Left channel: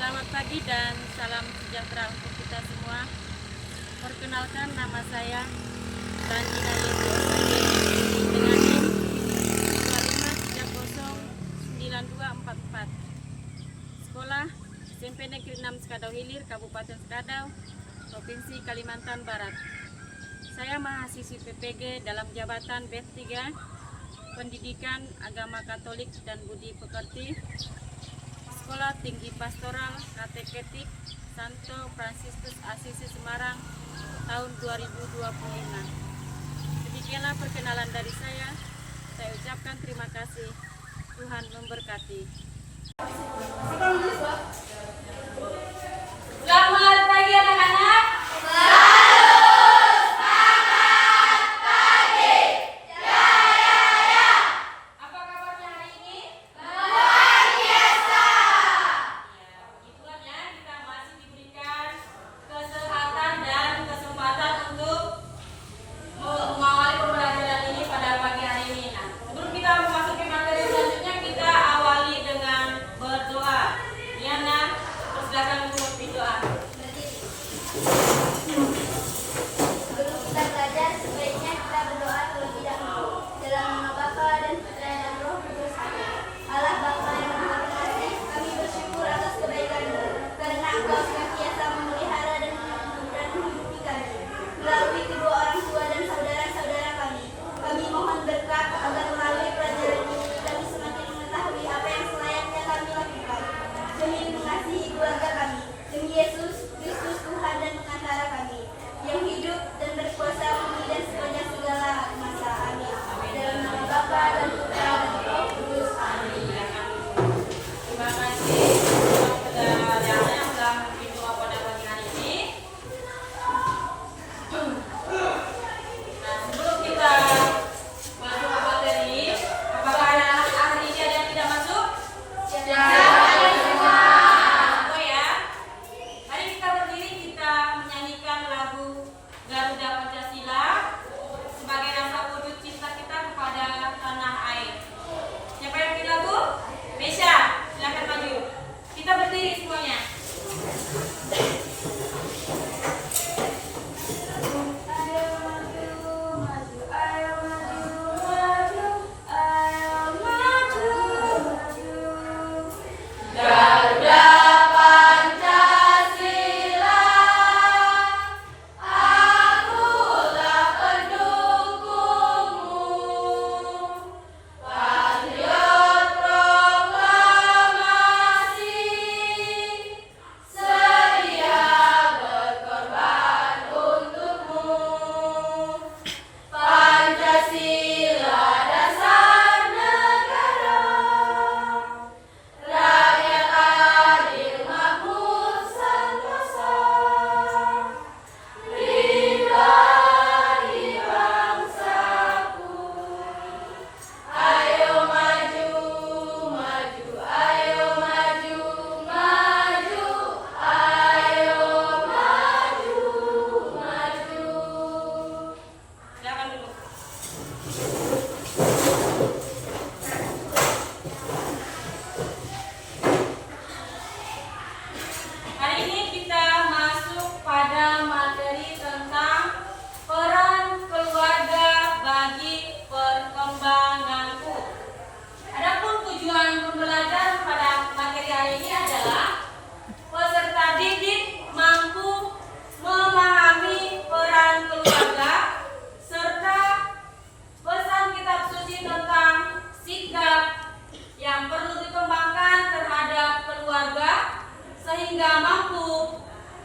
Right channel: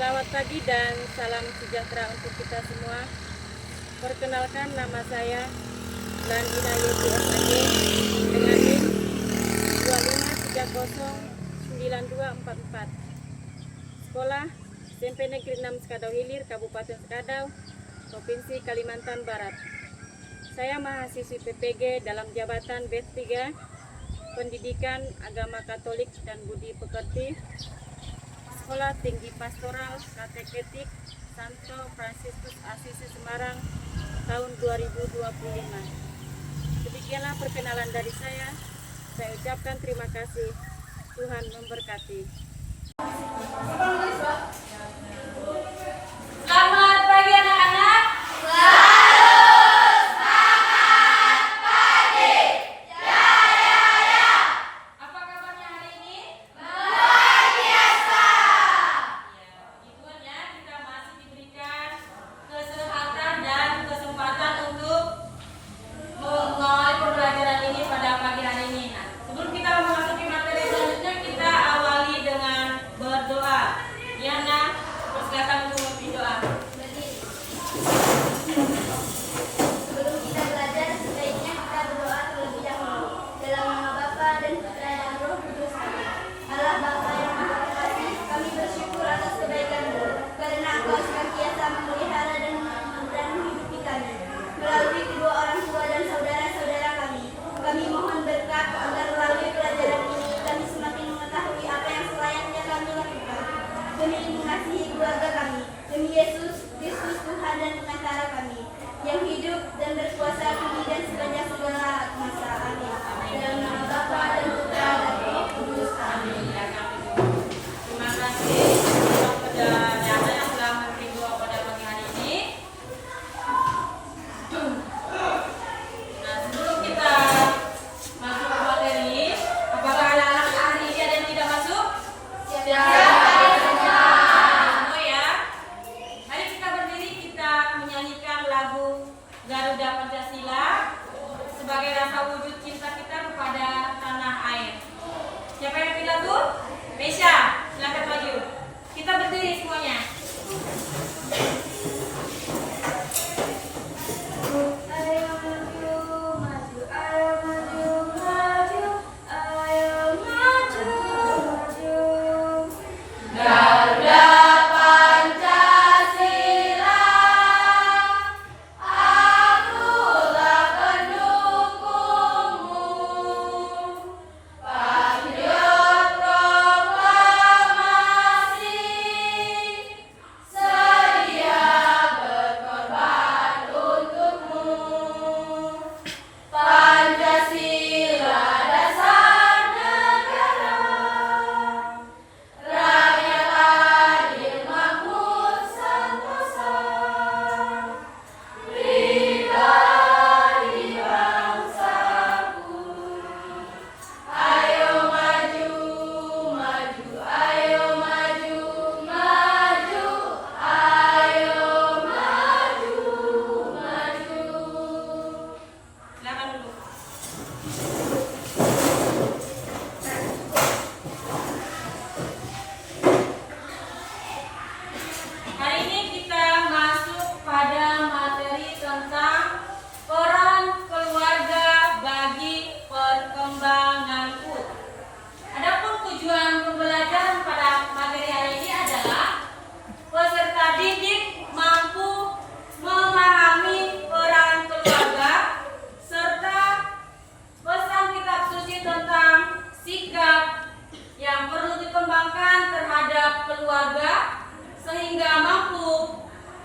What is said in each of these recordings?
Selamat pagi dan salam sejahtera untuk kita semua. Perkenalkan, nama saya Landina Yudi Osage dengan NIM 25309244. Sekolah SMP Negeri 6 Sekadau Hilir, Kabupaten Sekadau, Provinsi Kalimantan Barat. Saya mahasiswi PPG dalam jabatan B3 Pendidikan Agama Katolik dan Budi Pekerti, Sekolah Tinggi Pastoral Kateketik Santo Fransiskus Asisi Semarang tahun 2025. Demikianlah perkenalan dari saya. Saya ucapkan terima kasih. Tuhan memberkati. Selamat pagi anak-anak. Apa kabarnya hari ini? Luar biasa. Ya, puji Tuhan ya, kita masih diberikan kesehatan dan kesempatan untuk mengawali pembelajaran ini pada pagi hari ini. Nah, sebelum kita memasuki materi selanjutnya, kita awali dengan berdoa. Diana, persilakan untuk berdoa. Sebelum kita belajar, sebaiknya kita berdoa terlebih dahulu. Dalam nama Bapa dan Putra dan Roh Kudus. Amin. Allah Bapa yang Maha Pengasih, kami bersyukur atas kebaikan-Mu, karena Engkau senantiasa memelihara dan menghidupi kami. Melalui kedua orang tua dan saudara-saudara kami mohon berkat agar melalui pelajaran ini kami semakin mengetahui apa yang selayaknya kami lakukan demi mengasihi keluarga kami, demi Yesus Kristus Tuhan dan pengantara kami, yang hidup dan berkuasa kini dan sepanjang segala masa. Amin. Dalam nama Bapa dan Putra dan Roh Kudus. Amin. Terima kasih kepada Diana yang telah memimpin doa pada pagi hari ini. Nah, sebelum kita masuk ke materi, apakah anak-anak hari ini ada yang tidak masuk? Semua ya. Mari kita berdiri, kita menyanyikan lagu Garuda Pancasila sebagai rasa wujud cinta kita kepada tanah air. Siapa yang pilih lagu? Mesya, silakan maju. Kita berdiri semuanya. Ayo maju, maju, ayo maju, maju, ayo maju, maju. Garuda Pancasila, akulah pendukungmu. Patriot proklamasi, sedia berkorban untukmu. Pancasila dasar negara, rakyat adil makmur sentosa, pribadi bangsaku. Ayo maju, maju, ayo maju, maju, ayo maju, maju. Silakan duduk. Hari ini kita masuk pada materi tentang peran keluarga bagi perkembanganku. Adapun tujuan pembelajaran pada materi hari ini adalah peserta didik mampu memahami peran keluarga serta pesan kitab suci tentang sikap yang perlu dikembangkan terhadap keluarga sehingga mampu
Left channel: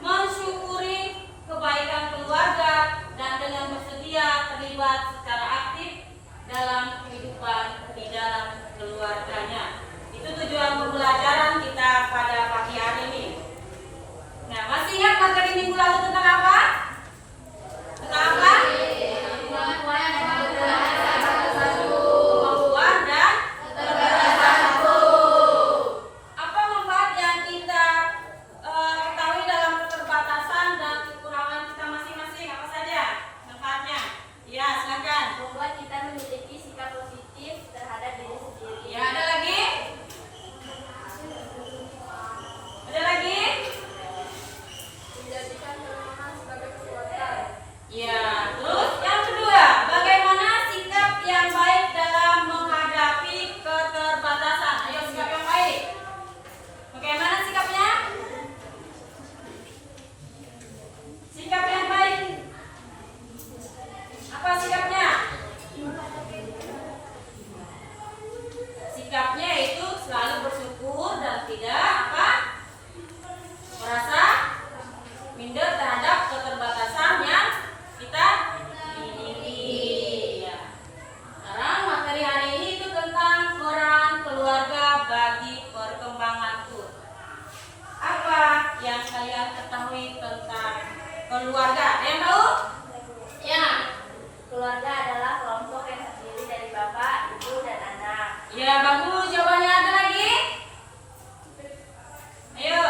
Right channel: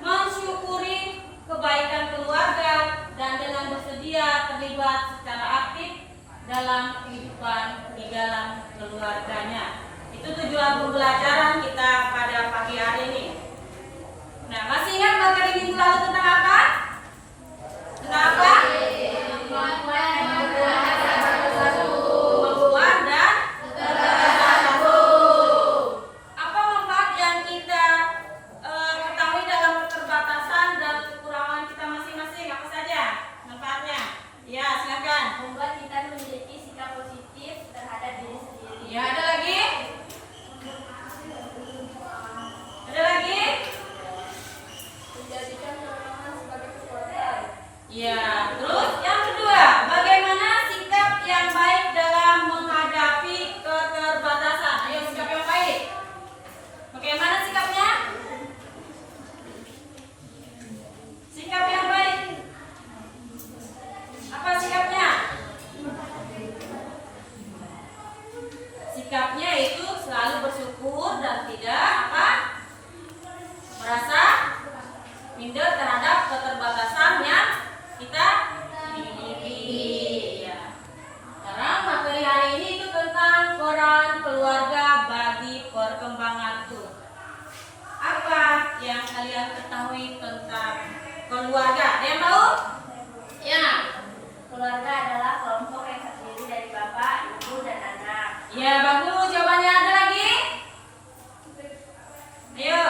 mensyukuri kebaikan keluarga dan dengan bersedia terlibat secara aktif dalam kehidupan di dalam keluarganya. Itu tujuan pembelajaran kita pada pagi hari ini. Nah, masih ingat materi minggu lalu tentang apa? Tentang apa? Kemampuan dan apa manfaat yang kita ketahui dalam keterbatasan dan kekurangan kita masing-masing? Apa saja manfaatnya? Ya, silakan. Membuat kita memiliki sikap positif terhadap diri sendiri. Ya, ada lagi? keluarga. Ada yang tahu? Ya. Keluarga adalah kelompok yang terdiri dari bapak, ibu, dan anak. Ya, bagus. Jawabannya ada lagi? Ayo.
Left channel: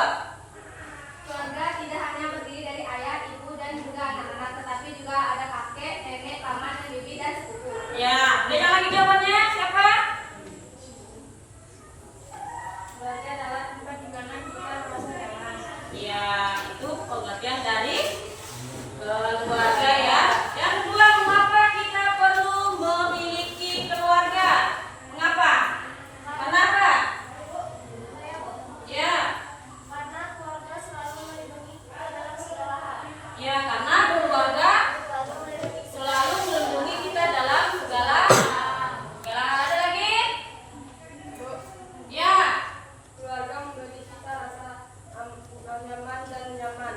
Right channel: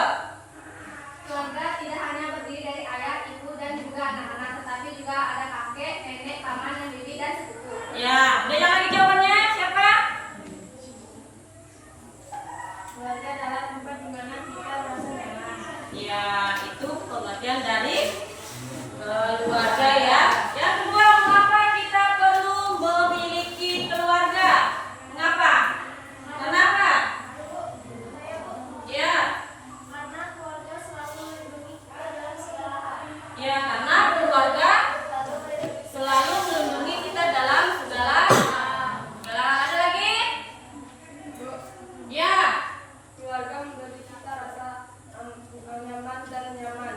Keluarga tidak hanya berdiri dari ayah, ibu, dan juga anak-anak, tetapi juga ada kakek, nenek, paman, dan bibi, dan sepupu. Ya, ada yang lagi jawabannya? Siapa? Keluarga adalah tempat di mana kita merasa nyaman. Ya, itu pengertian dari keluarga ya. Yang kedua, mengapa kita perlu memiliki keluarga? Mengapa? Kenapa? Ya, Karena keluarga selalu melindungi kita dalam segala hal. ya karena keluarga selalu melindungi kita dalam segala hal. Ada lagi? Ya, Keluarga memberi kita rasa nyaman dan nyaman.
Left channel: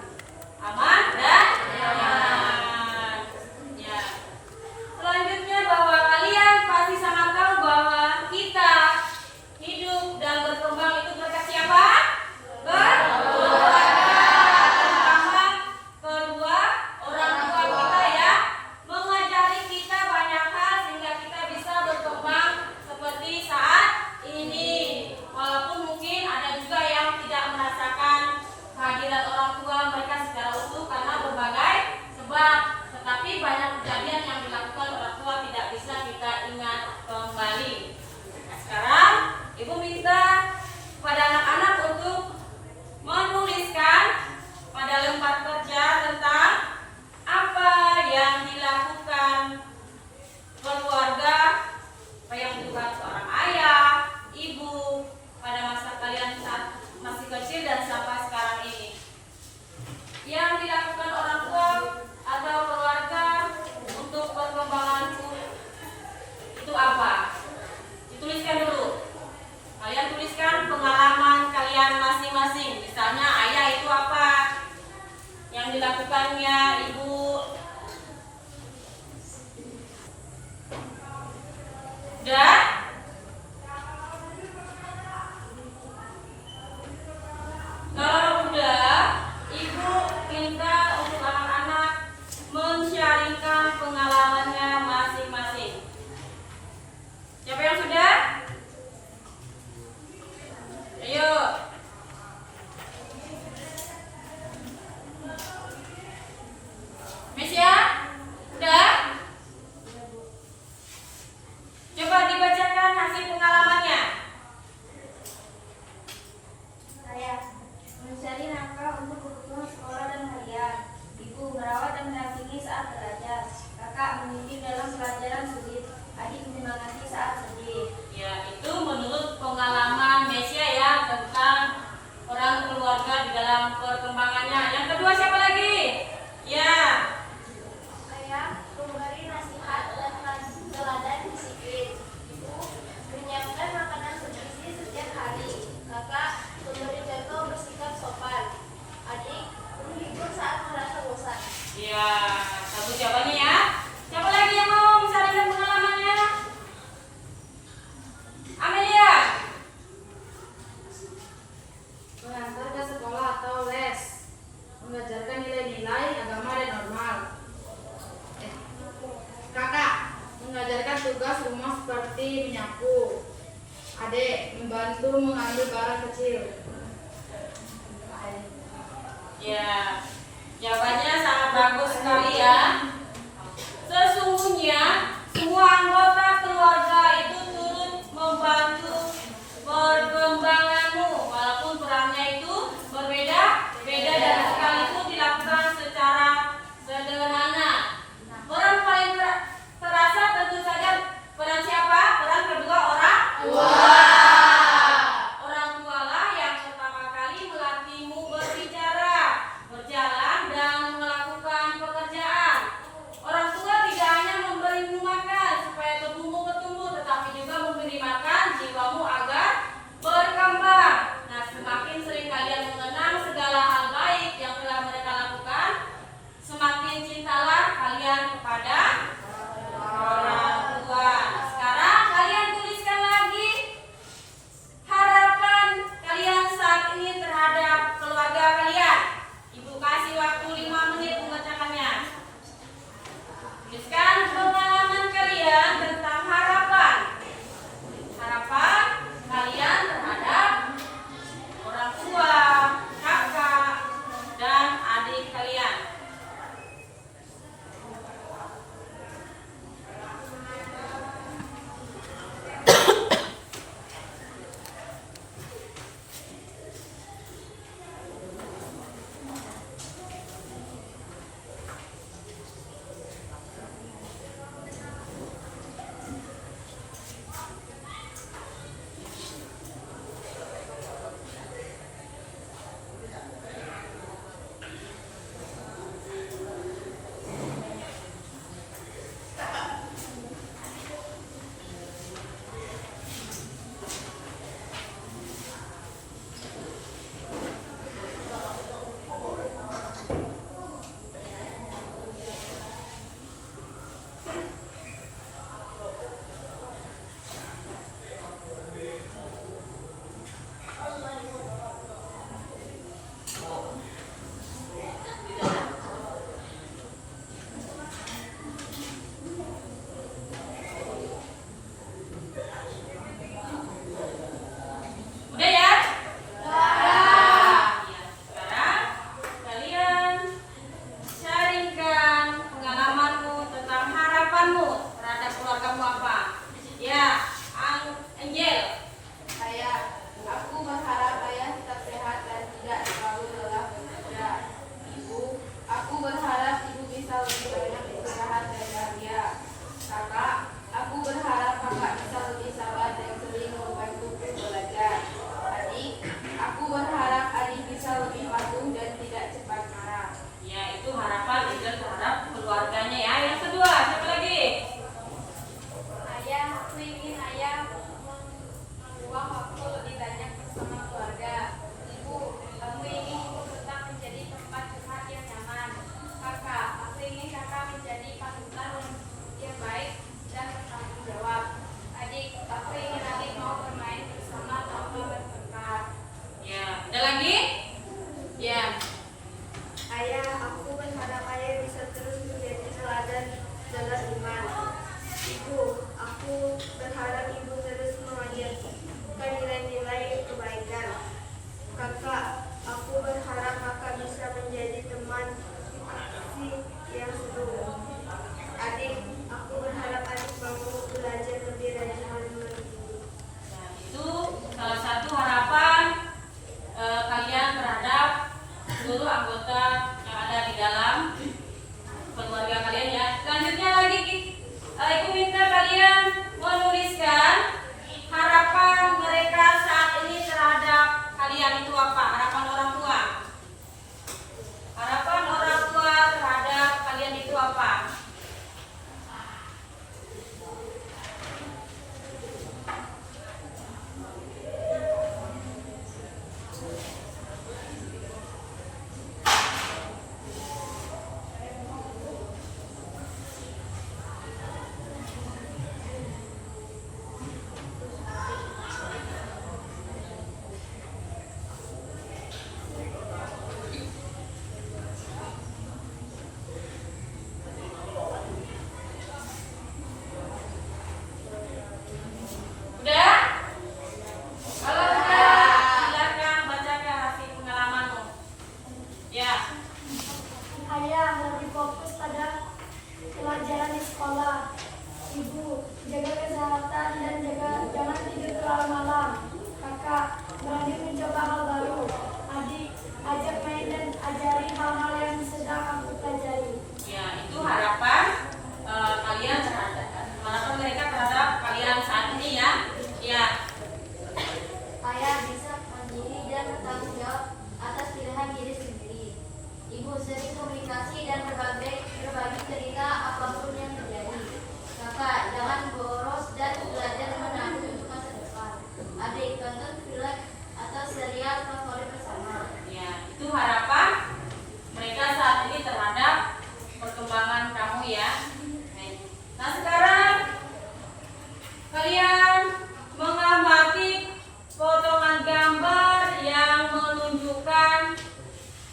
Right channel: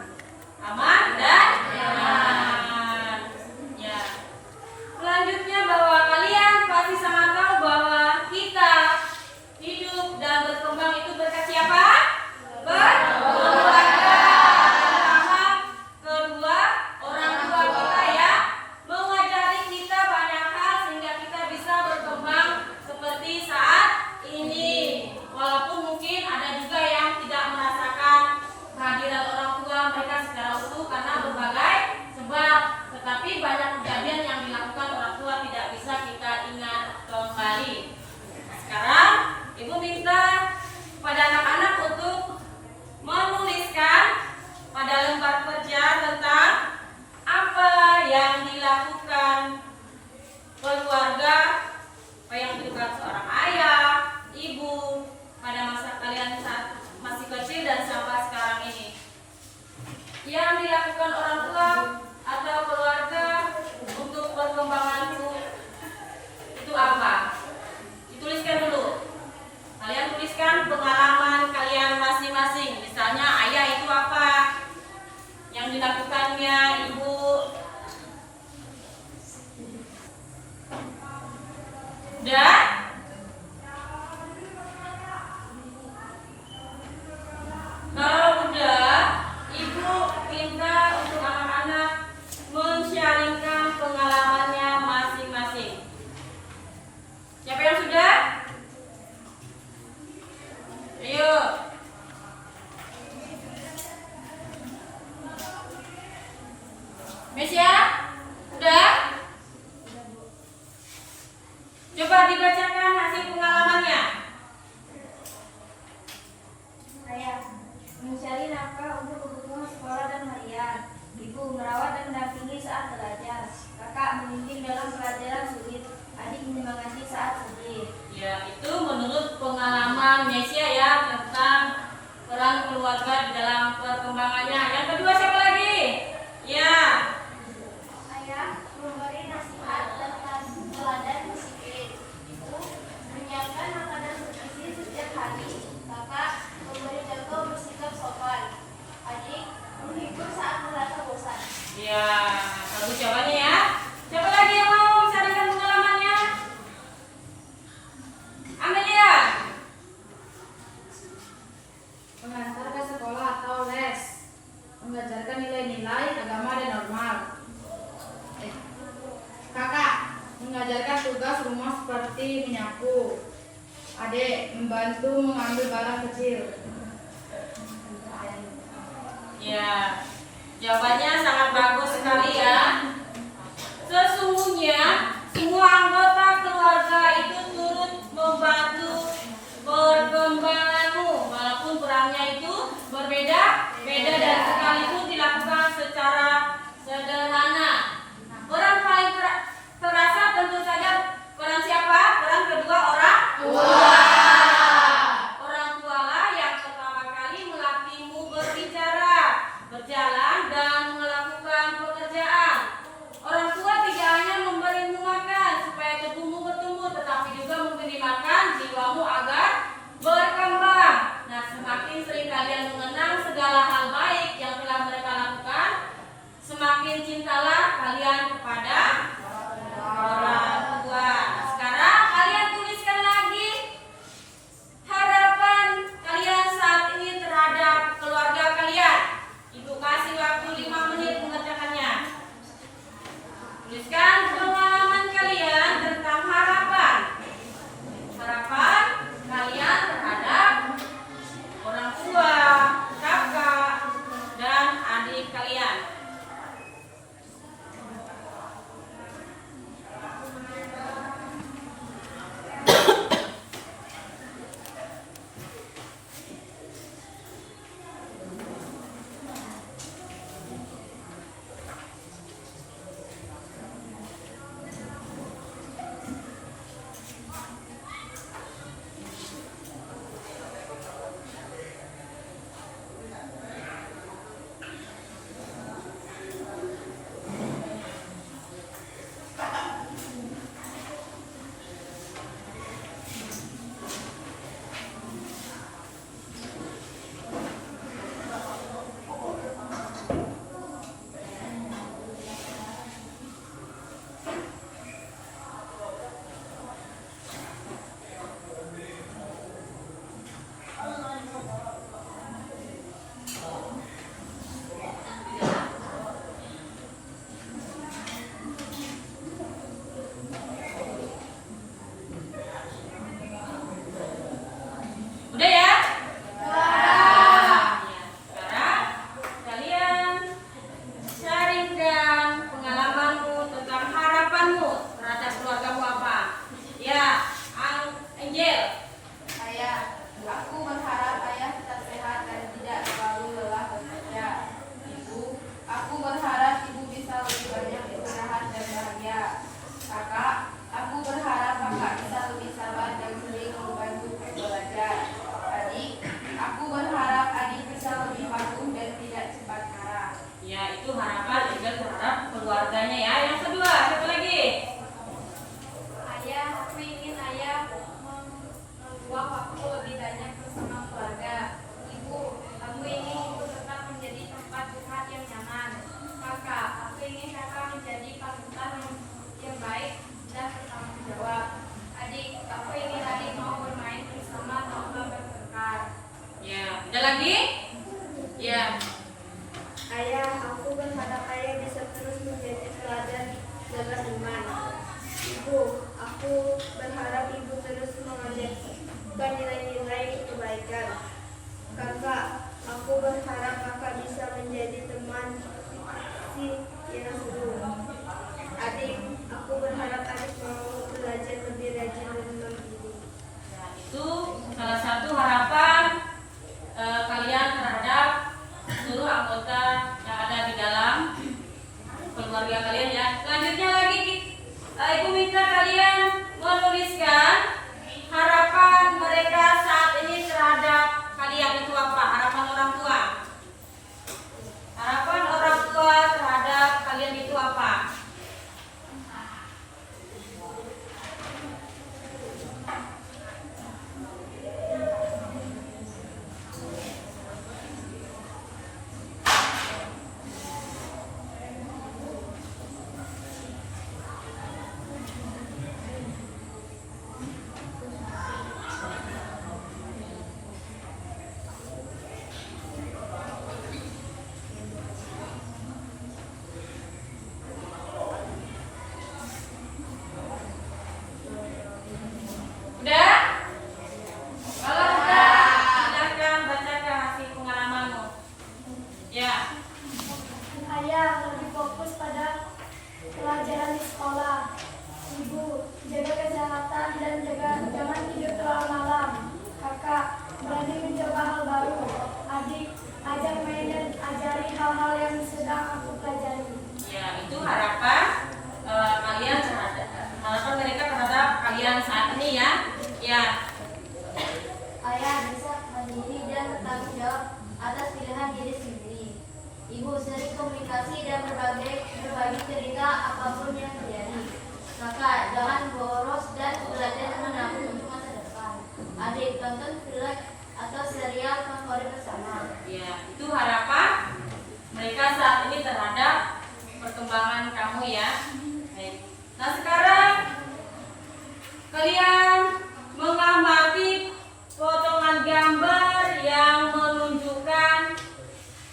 aman dan nyaman. Ya. Selanjutnya bahwa kalian pasti sangat tahu bahwa kita hidup dan berkembang itu berkat siapa? Keluarga. Paham? Kedua, orang tua kita ya mengajari kita banyak hal sehingga kita bisa berkembang seperti saat ini. Walaupun mungkin ada juga yang tidak merasakan kehadiran orang tua mereka secara utuh karena berbagai sebab, tetapi banyak kejadian yang dilakukan orang tua tidak bisa kita ingat kembali. Sekarang ibu minta pada anak-anak untuk menuliskan pada lembar kerja tentang apa yang dilakukan keluarga, apa yang dilakukan seorang ayah, ibu pada masa kalian saat masih kecil dan sampai sekarang ini. Yang dilakukan orang tua atau keluarga untuk perkembanganku itu apa? Dituliskan dulu. Kalian tuliskan pengalaman kalian masing-masing. Misalnya ayah itu apa? Yang dilakukannya ibu. Dan kalau udah, ibu minta untuk anak-anak men-sharingkan pengalamannya masing-masing. Siapa yang sudah? Ayo. Mesia? Udah? Coba dibacakan hasil pengalamannya. Ayah, mencari nafkah untuk kebutuhan sekolah dan harian. Ibu merawat dan mendampingi saat belajar. Kakak membimbing dalam pelajaran sulit. Adik menyemangati saat sedih. Ya, itu menurut pengalaman Mesia ya tentang peran keluarga di dalam perkembangannya. Yang kedua siapa lagi? Ya. Ayah memberi nasihat dan teladan disiplin. Ibu menyiapkan makanan bergizi setiap hari. Kakak memberi contoh bersikap sopan. Adik menghibur saat merasa bosan. Ya, bagus jawabannya ya. Siapa lagi yang mau bicarakan pengalamannya? Amelia. Mengantar ke sekolah atau les, mengajarkan nilai-nilai agama dan normal. Kakak, mengajarkan tugas rumah seperti menyapu. Adik, membantu mengambil barang kecil. Ya, jawabannya sangat bagus sekali ya. Sesungguhnya semua anggota keluarga itu turut membantu perkembanganmu, walaupun perannya itu berbeda-beda dan sekalipun dilakukan secara sederhana. Peran paling terasa tentu saja peran siapa? Peran kedua orang tua. Orang tualah yang pertama kali melatihmu berbicara, berjalan, dan melakukan pekerjaan. Orang tua tidak hanya memberimu makan supaya tubuhmu bertumbuh, tetapi juga memberi makan jiwamu agar berkembang. Nah, semakin sering kalian mengenang segala hal baik yang telah mereka lakukan, semakin cintalah kalian kepada orang tua. Sekarang kalian tuliskan lagi harapan kalian saat ini terhadap keluarga kalian. Ibu kasih waktu 5 menit Ada lagi? Ya. Ayah, aku berharap ayah bisa terus menjadi teladan dalam iman. Ibu, aku berharap ibu terus mengajarkan nilai-nilai kebaikan. Kakak, aku berharap kakak bisa menjadi teman yang seru. Adik, aku berharap adik mau belajar lebih rajin dan menghibur. Itu salah satu harapan kalian terhadap seluruh anggota yang ada di dalam keluarga kalian ya. Selanjutnya lagi Ibu minta kalian menuliskan harapan mereka saat ini terhadap kalian itu apa? Harapan orang tua. Harapan orang tua terhadap kalian itu apa? Udah? Kalau sudah, silakan bacakan hasil pengalamanmu. Ya. Ayah lebih fokus pada pelajaran di sekolah. Ibu, jaga kesehatan dan jangan tidur terlalu malam. Kakak, berani mencoba hal baru. Adik, ajak main dan ajari hal-hal yang sedang aku pelajari. Ya, itu harapan kalian terhadap harapan mereka terhadap kalian saat ini ya. Ya. Ayah bisa mandiri dan bertanggung jawab atas pilihan diri sendiri. Ibu sering komunikasi dan berbagi cerita apapun yang terjadi. Kakak, jangan boros dan belajar menabung untuk masa depan. Adik, tonton film atau serial favorit bersama. Ya, itu harapan mereka saat ini terhadap perkembangan kamu ya. Nah, sekarang kalian mengamati potongan gambar yang menunjukkan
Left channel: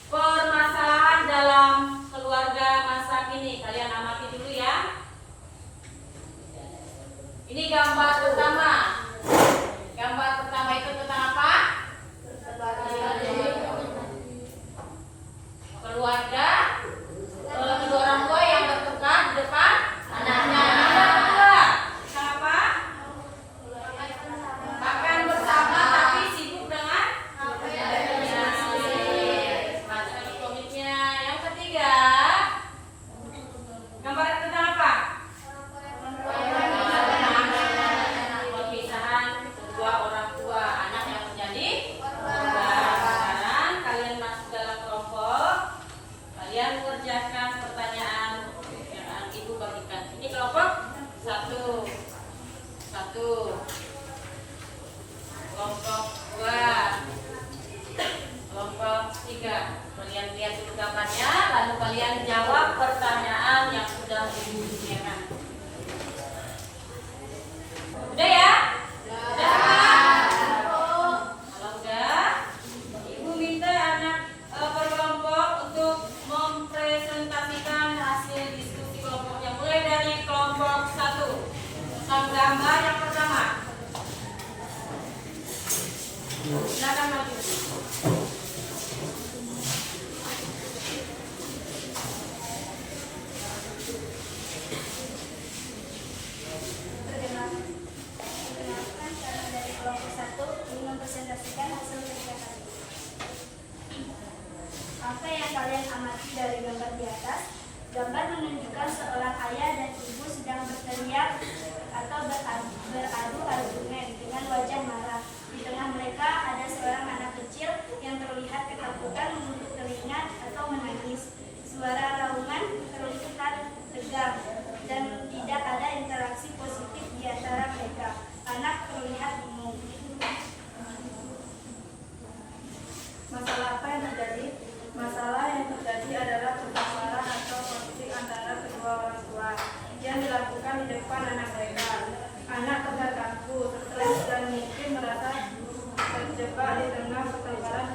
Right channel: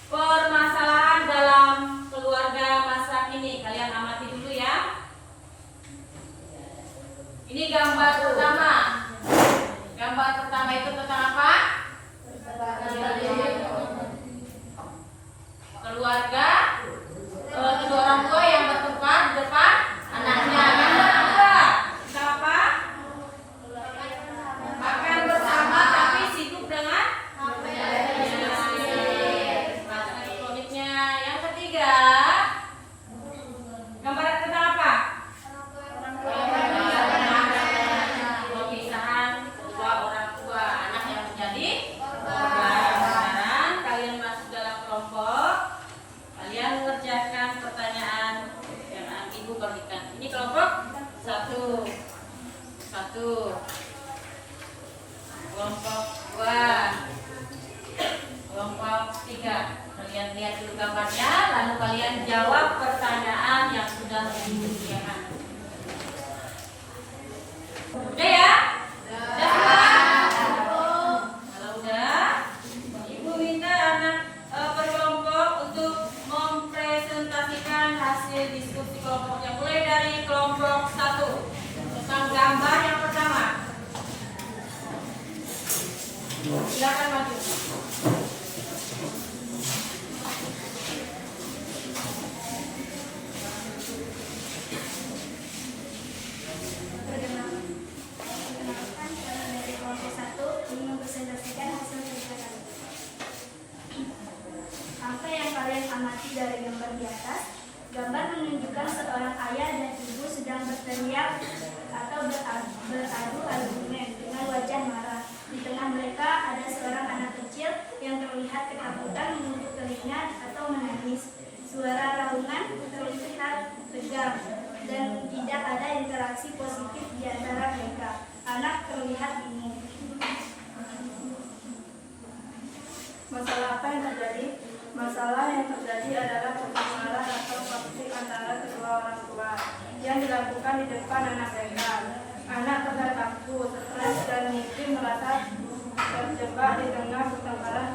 permasalahan dalam keluarga masa kini. Kalian amati dulu ya. Ini gambar pertama. Gambar pertama itu tentang apa? Keluarga, kedua orang tua yang bertengkar di depan anaknya. Yang kedua, tentang apa? Makan bersama tapi sibuk dengan peralatan elektroniknya. Yang ketiga, gambar tentang apa? Perpisahan kedua orang tua anak yang menjadi korban. Sekarang kalian masuk dalam kelompok. Kalian mengerjakan pertanyaan yang ibu bagikan. Ini kelompok satu. Kelompok 2, kelompok 3. Kalian lihat dulu gambarnya, lalu kalian jawab pertanyaan yang sudah ibu sediakan. Udah ya? Udah kan? Kalau udah, ibu minta anak per kelompok untuk mempresentasikan hasil diskusi kelompoknya. Mulai dari kelompok 1 tentang gambar yang pertama. Silakan maju. Perkenalkan, kami dari kelompok 1 ingin mempresentasikan hasil kerja kami. Apa yang kalian amati dari gambar di atas? Gambar menunjukkan seorang ayah dan ibu sedang berteriak atau beradu argumen dengan wajah marah. Di tengah mereka ada seorang anak kecil yang terlihat ketakutan, menutup telinga atau menangis. Suara raungan terlihat tegang dan tidak ada interaksi positif di antara mereka. Anak terlihat bingung. Masalah apa yang terjadi? Masalah yang terjadi adalah permasalahan atau konflik antara kedua orang tua yang dilakukan di depan anak mereka. Anak terlihat takut, stres dan mungkin merasa terjebak di tengah pertengkaran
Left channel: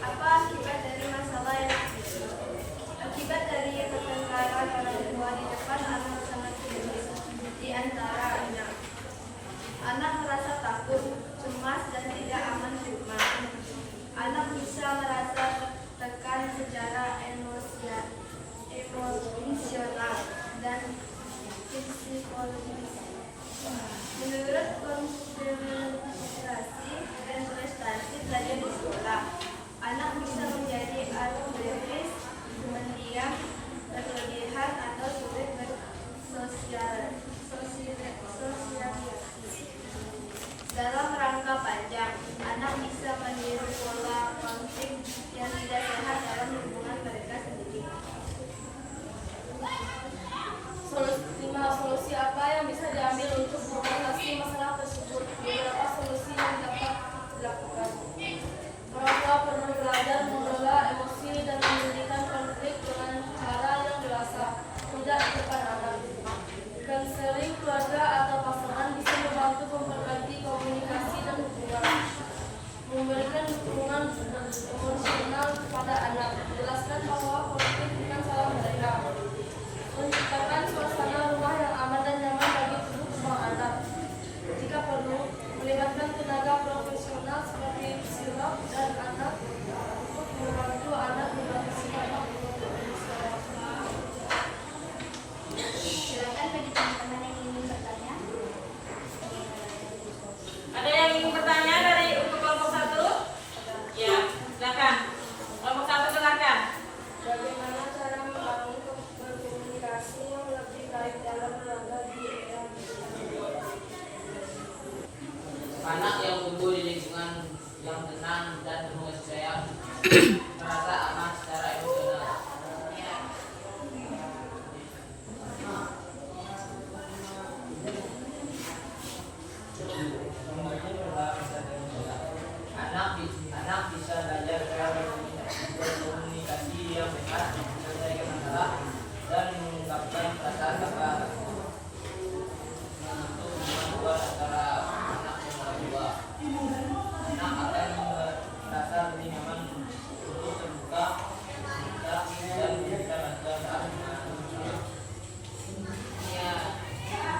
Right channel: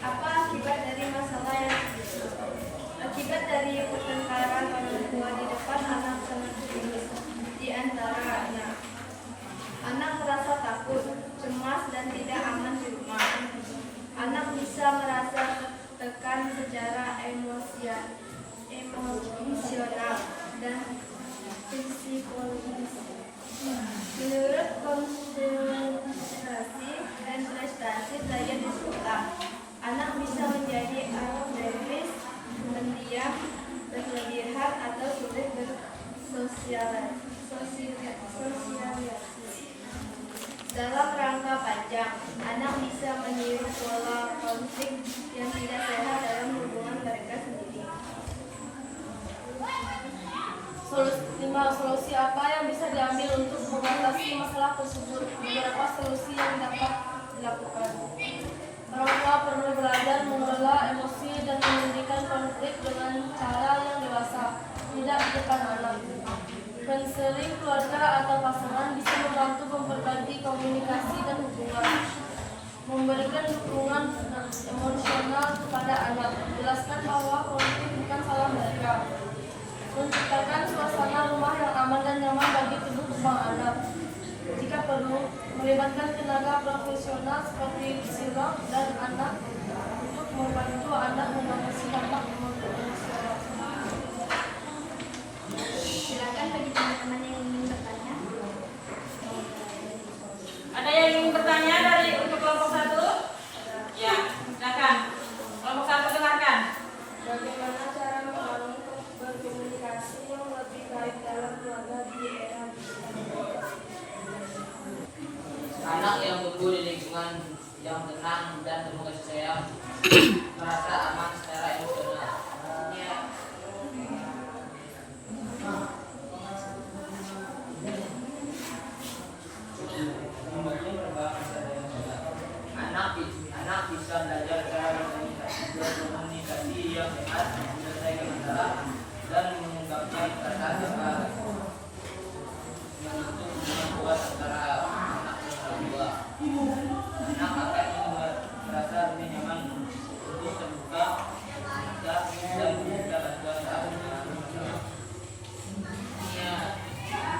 Apa akibat dari masalah yang terjadi? Akibat dari pertengkaran orang tua di depan anak sangat serius. Di antaranya, anak merasa takut, cemas, dan tidak aman di rumah. Anak bisa merasa tertekan secara emosional dan psikologis. Menurut konsentrasi dan prestasi belajar di sekolah, anak bisa menjadi arogantis, pendiam, berlebihan, atau sulit bersosialisasi. Dalam rangka panjang, anak bisa meniru pola konflik yang tidak sehat dalam hubungan mereka sendiri. 5. Solusi apa yang bisa diambil untuk mengatasi masalah tersebut? Beberapa solusi yang dapat dilakukan. Orang tua perlu belajar mengelola emosi dan menyelesaikan konflik dengan cara yang dewasa, tidak di depan anak. Konseling keluarga atau pasangan bisa membantu memperbaiki komunikasi dan hubungan. Memberikan dukungan emosional kepada anak. Jelaskan bahwa konflik bukan salah mereka. Menciptakan suasana rumah yang aman dan nyaman bagi tumbuh kembang anak. Jika perlu, melibatkan tenaga profesional seperti psikolog dan anak untuk membantu anak mengatasi dampak emosional. Silakan bagi teman-teman yang ingin bertanya. Ada yang ingin bertanya dari untuk kelompok 1? Ya, silakan. Kelompok 1 silakan. Bagaimana cara membangun berkomunikasi yang lebih baik dalam keluarga di era digital? Anak yang tumbuh di lingkungan yang tenang dan penuh kasih sayang merasa aman secara emosional. Anak bisa belajar cara berkomunikasi yang sehat, menyelesaikan masalah, dan mengungkapkan perasaan yang untuk hubungan antara anak dan orang tua. Anak akan merasa lebih nyaman untuk terbuka, dan memberikan bantuan saat ya.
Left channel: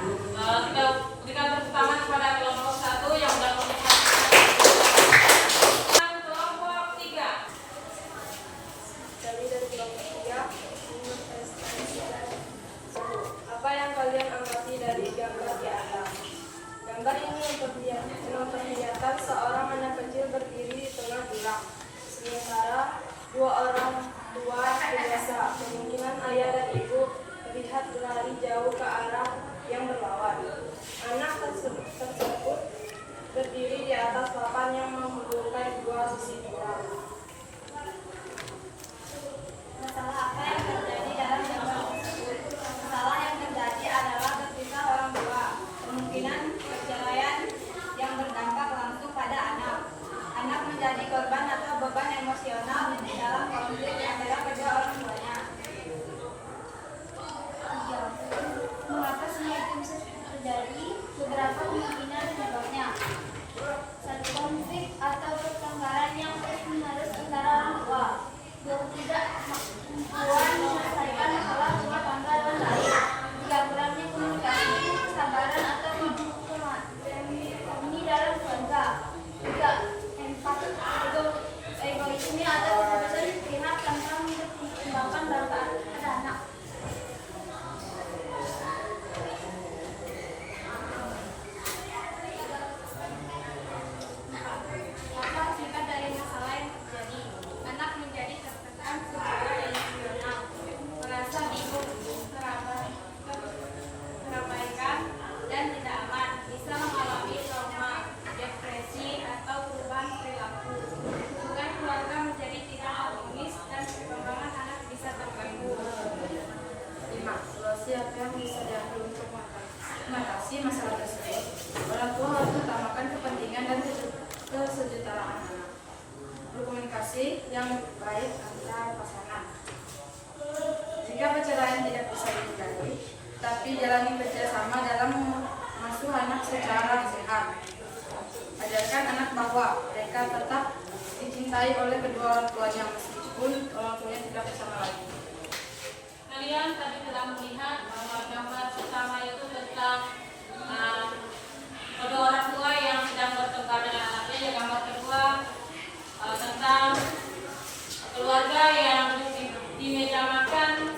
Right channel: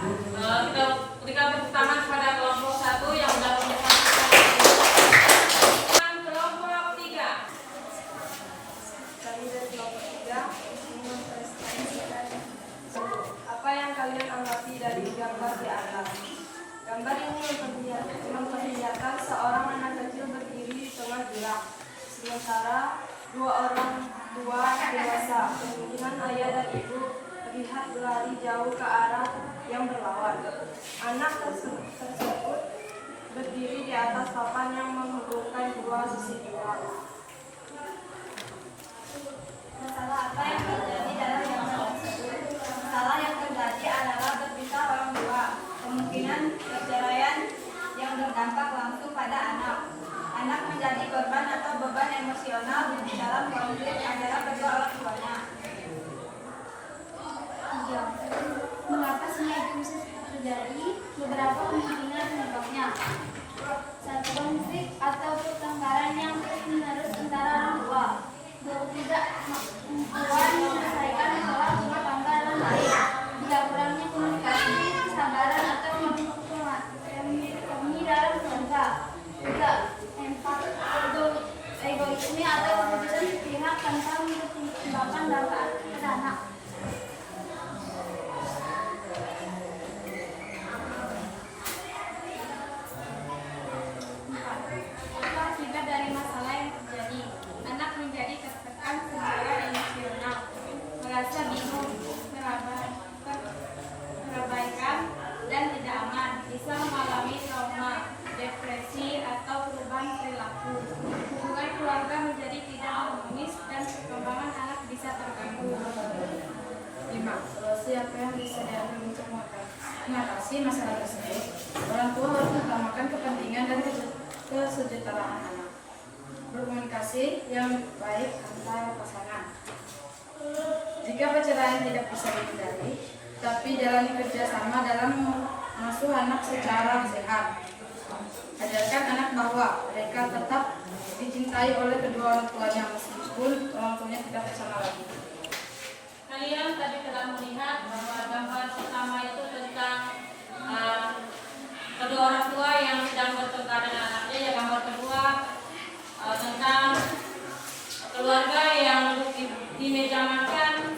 Kita berikan tepuk tangan kepada kelompok 1 yang sudah komunikasi. Kelompok 3. Kami dari kelompok 3 mempresentasikan apa yang kalian amati dari gambar di atas. Gambar ini memperlihatkan seorang anak kecil berdiri di tengah jurang, sementara dua orang tua dewasa, kemungkinan ayah dan ibu, terlihat berlari jauh ke arah yang berlawan. Anak tersebut berdiri di atas papan yang menghubungkan dua sisi jurang. Masalah apa yang terjadi dalam gambar tersebut? Masalah yang terjadi adalah berpisah orang tua, kemungkinan perceraian yang berdampak langsung pada anak. Anak menjadi korban atau beban emosional dalam konflik antara kedua orang tuanya. Mengapa semua itu bisa terjadi? Beberapa kemungkinan penyebabnya. 1. Konflik atau pertengkaran yang terus-menerus antara orang tua. 2. Ketidakmampuan menyelesaikan masalah rumah tangga dan lain. 3. Kurangnya komunikasi, kesabaran atau kompromi dalam keluarga. 4. Egoisme atau keputusan sepihak tanpa mempertimbangkan dampak pada anak. Apa akibat dari masalah yang terjadi? Anak menjadi tertekan secara emosional, merasa bingung, terabaikan, dan tidak aman, bisa mengalami trauma, depresi, atau perubahan perilaku. Hubungan keluarga menjadi tidak harmonis dan perkembangan anak bisa terganggu. 5. Solusi apa yang bisa diambil untuk mengatasi masalah tersebut? Orang tua harus mengutamakan kepentingan dan kesejahteraan anak. Berkomunikasi yang baik antar pasangan. Jika perceraian tidak bisa dihindari, tapi jalani kerjasama dalam mengasuh anak secara sehat. Ajarkan anak bahwa mereka tetap dicintai oleh kedua orang tuanya meskipun orang tuanya tidak bersama lagi. Kalian tadi telah melihat bahwa gambar pertama itu tentang kedua orang tua yang sedang bertengkar dengan anaknya. Ya, gambar kedua tentang keluarga yang duduk di meja makan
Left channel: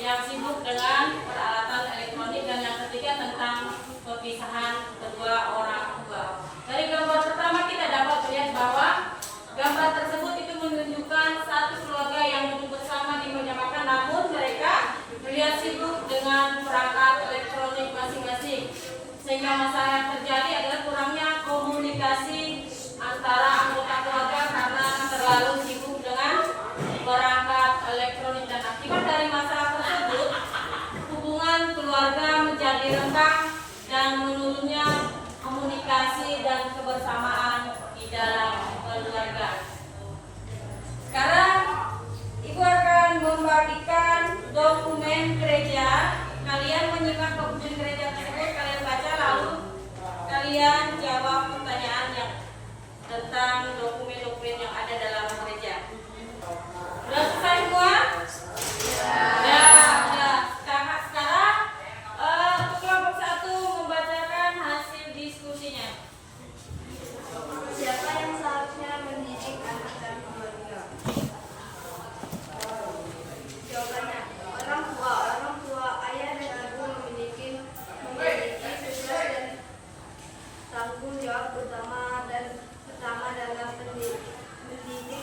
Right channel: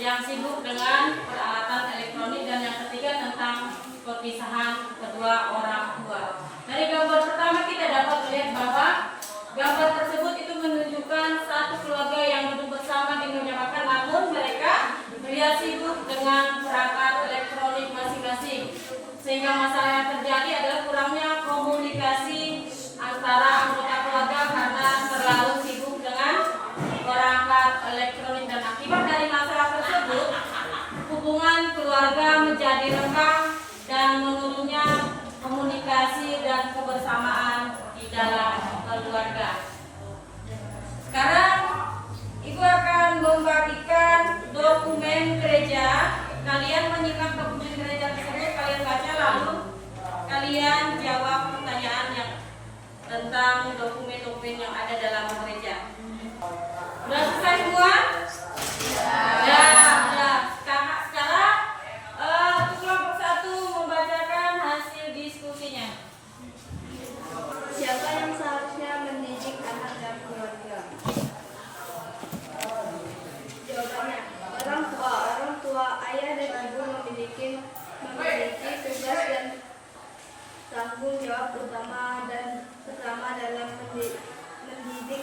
yang sibuk dengan peralatan elektronik, dan yang ketiga tentang perpisahan kedua orang tua. Dari gambar pertama kita dapat melihat bahwa gambar tersebut itu menunjukkan satu keluarga yang duduk bersama di meja makan, namun mereka terlihat sibuk dengan perangkat elektronik masing-masing, sehingga masalah yang terjadi adalah kurangnya komunikasi antara anggota keluarga karena terlalu sibuk dengan perangkat elektronik. Dan akibat dari masalah tersebut, hubungan keluarga menjadi renggang dan menurunnya komunikasi dan kebersamaan di dalam keluarga. Sekarang Ibu akan membagikan dokumen gereja. Kalian menyimak dokumen gereja tersebut, kalian baca, lalu kalian jawab pertanyaan yang tentang dokumen-dokumen yang ada dalam gereja. Sudah selesai semua? Ya. Sekarang kelompok 1 membacakan hasil diskusinya. Siapa yang seharusnya mendidik anak dan keluarga? Jawabannya, orang tua. Orang tua, ayah dan ibu memiliki tugas dan tanggung jawab utama dan pertama dalam mendidik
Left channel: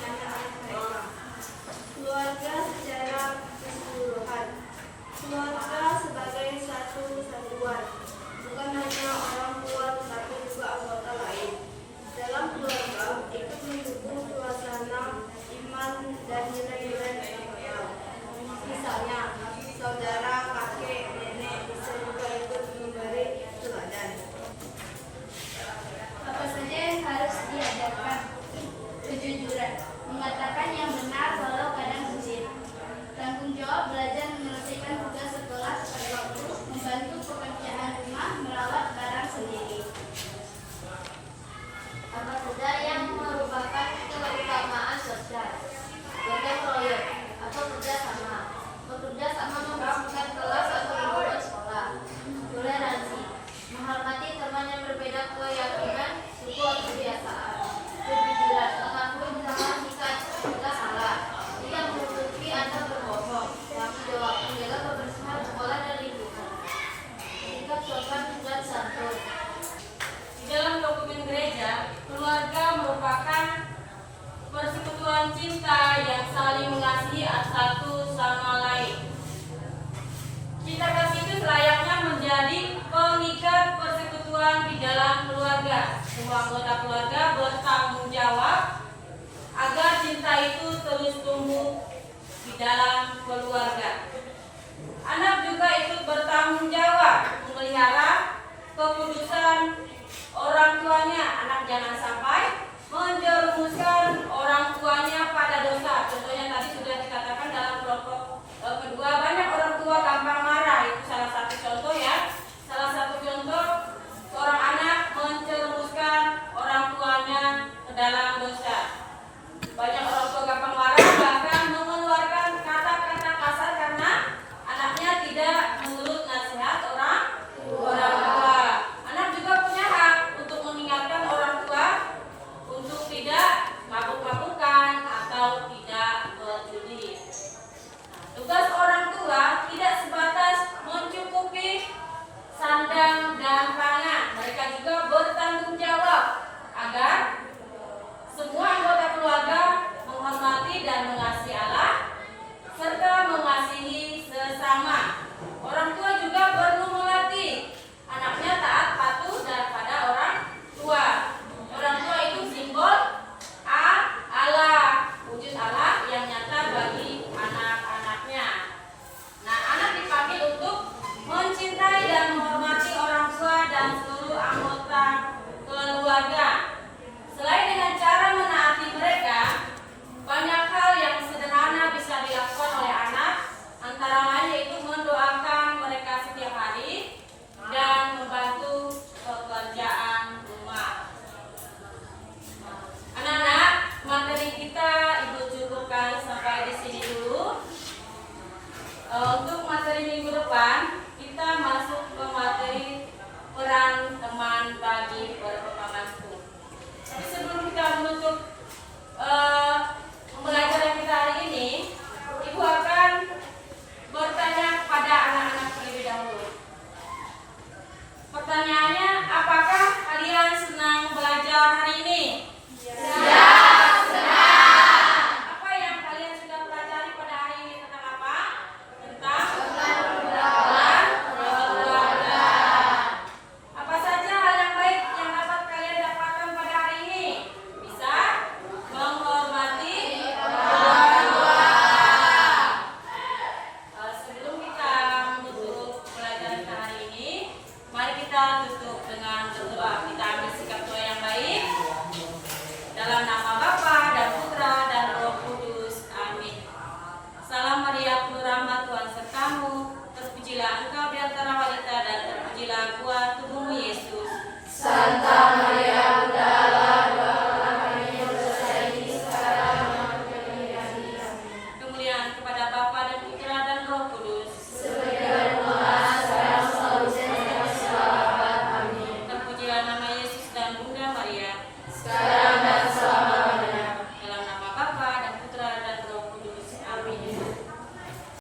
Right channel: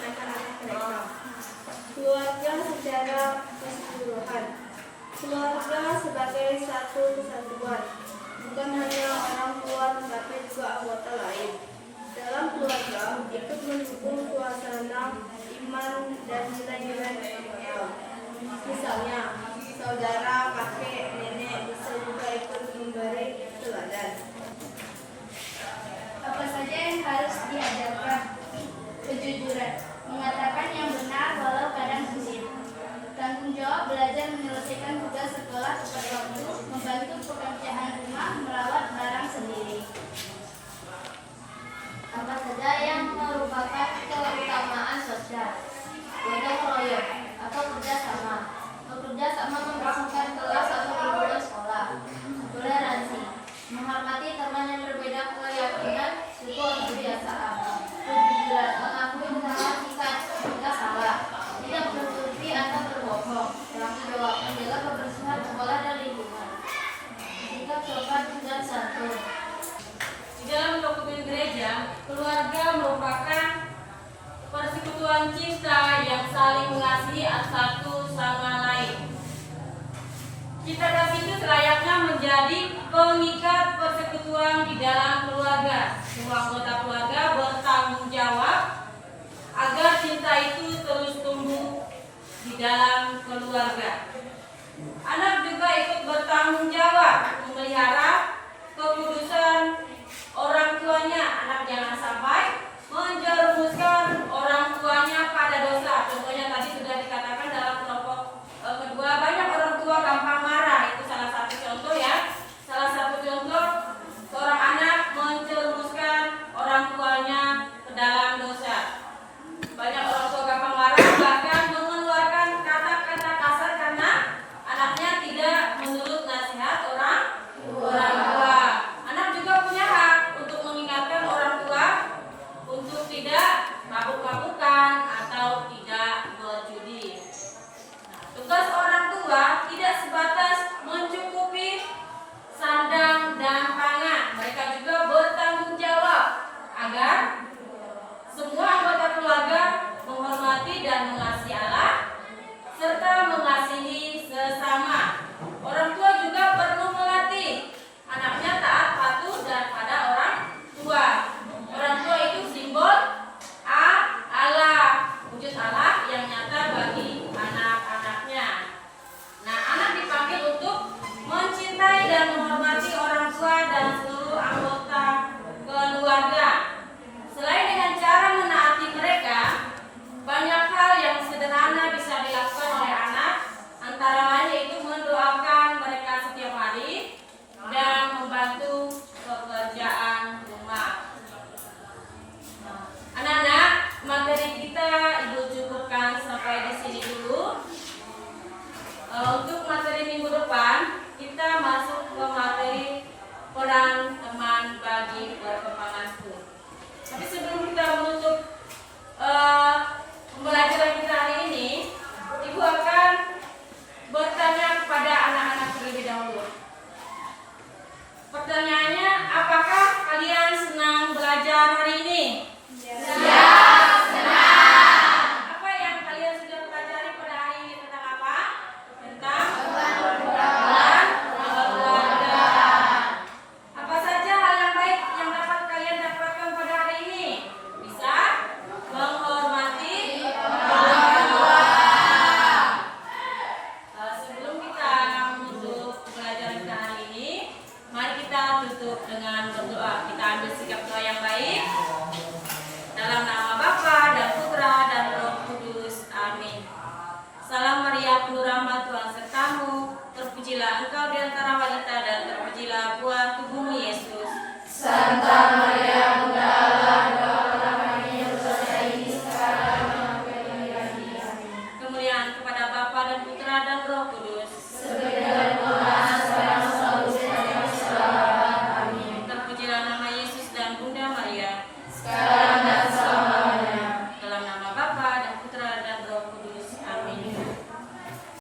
anak-anak mereka. Keluarga secara keseluruhan. Keluarga sebagai satu kesatuan, bukan hanya orang tua tetapi juga anggota lain. Dalam keluarga ikut mendukung suasana iman dan nilai-nilai moral. Misalnya, saudara, kakek, nenek bisa juga ikut memberi teladan. Apa saja yang harus diajarkan? Kejujuran, mengatakan yang benar walau kadang sulit. Tanggung jawab belajar menyelesaikan tugas sekolah tepat waktu, membantu pekerjaan rumah, merawat barang sendiri. Apa saja yang merupakan keutamaan sosial? Gotong royong atau kerjasama. Bekerja sama membersihkan kelas atau liburan sekolah. Toleransi, menghormati teman yang berbeda keyakinan, suku atau kebiasaan. Kejujuran, mengakui kesalahan jika salah. Tidak menutupi atau berbohong. Tanggung jawab, menjaga kebersihan sekolah dan lingkungan. Sikap sopan dan santun. Di dalam dokumen gereja, keluarga merupakan persekutuan cinta yang saling mengasihi satu sama lain. Cinta kasih itu selayaknya menjadi pengikat persekutuan di dalam keluarga. Semua anggota keluarga bertanggung jawab agar cinta itu terus tumbuh di dalam keluarga. Anak juga ikut bertanggung jawab memelihara kekudusan orang tuanya. Anak jangan sampai menjerumuskan orang tuanya pada dosa. Contohnya tadi sudah dikatakan dalam kelompok kedua, banyak orang tua gampang marah. Itu salah satu contoh ya. Salah satu contoh seorang anak menjerumuskan orang tuanya ke dalam dosa. Banyak orang tua gampang marah, bahkan mengeluarkan kata-kata kasar karena anaknya tidak menurut nasihat orang tua. Anak juga punya hak untuk mengingatkan orang tua untuk tidak mabuk-mabukan atau tidak berjudi. Tugas orang tua tidak sebatas mencukupi sandang dan pangan. Mereka juga bertanggung jawab agar semua anggota keluarga menghormati dan mengasihi Allah serta mengasihi sesama. Orang tua juga perlu melatih anaknya taat patuh dan pada orang tua. Orang tua itu simbol nama Bapa dan Putra dan Roh Kudus. Amin. Salam Maria, penuh rahmat, Tuhan sertamu. Terpujilah engkau di antara wanita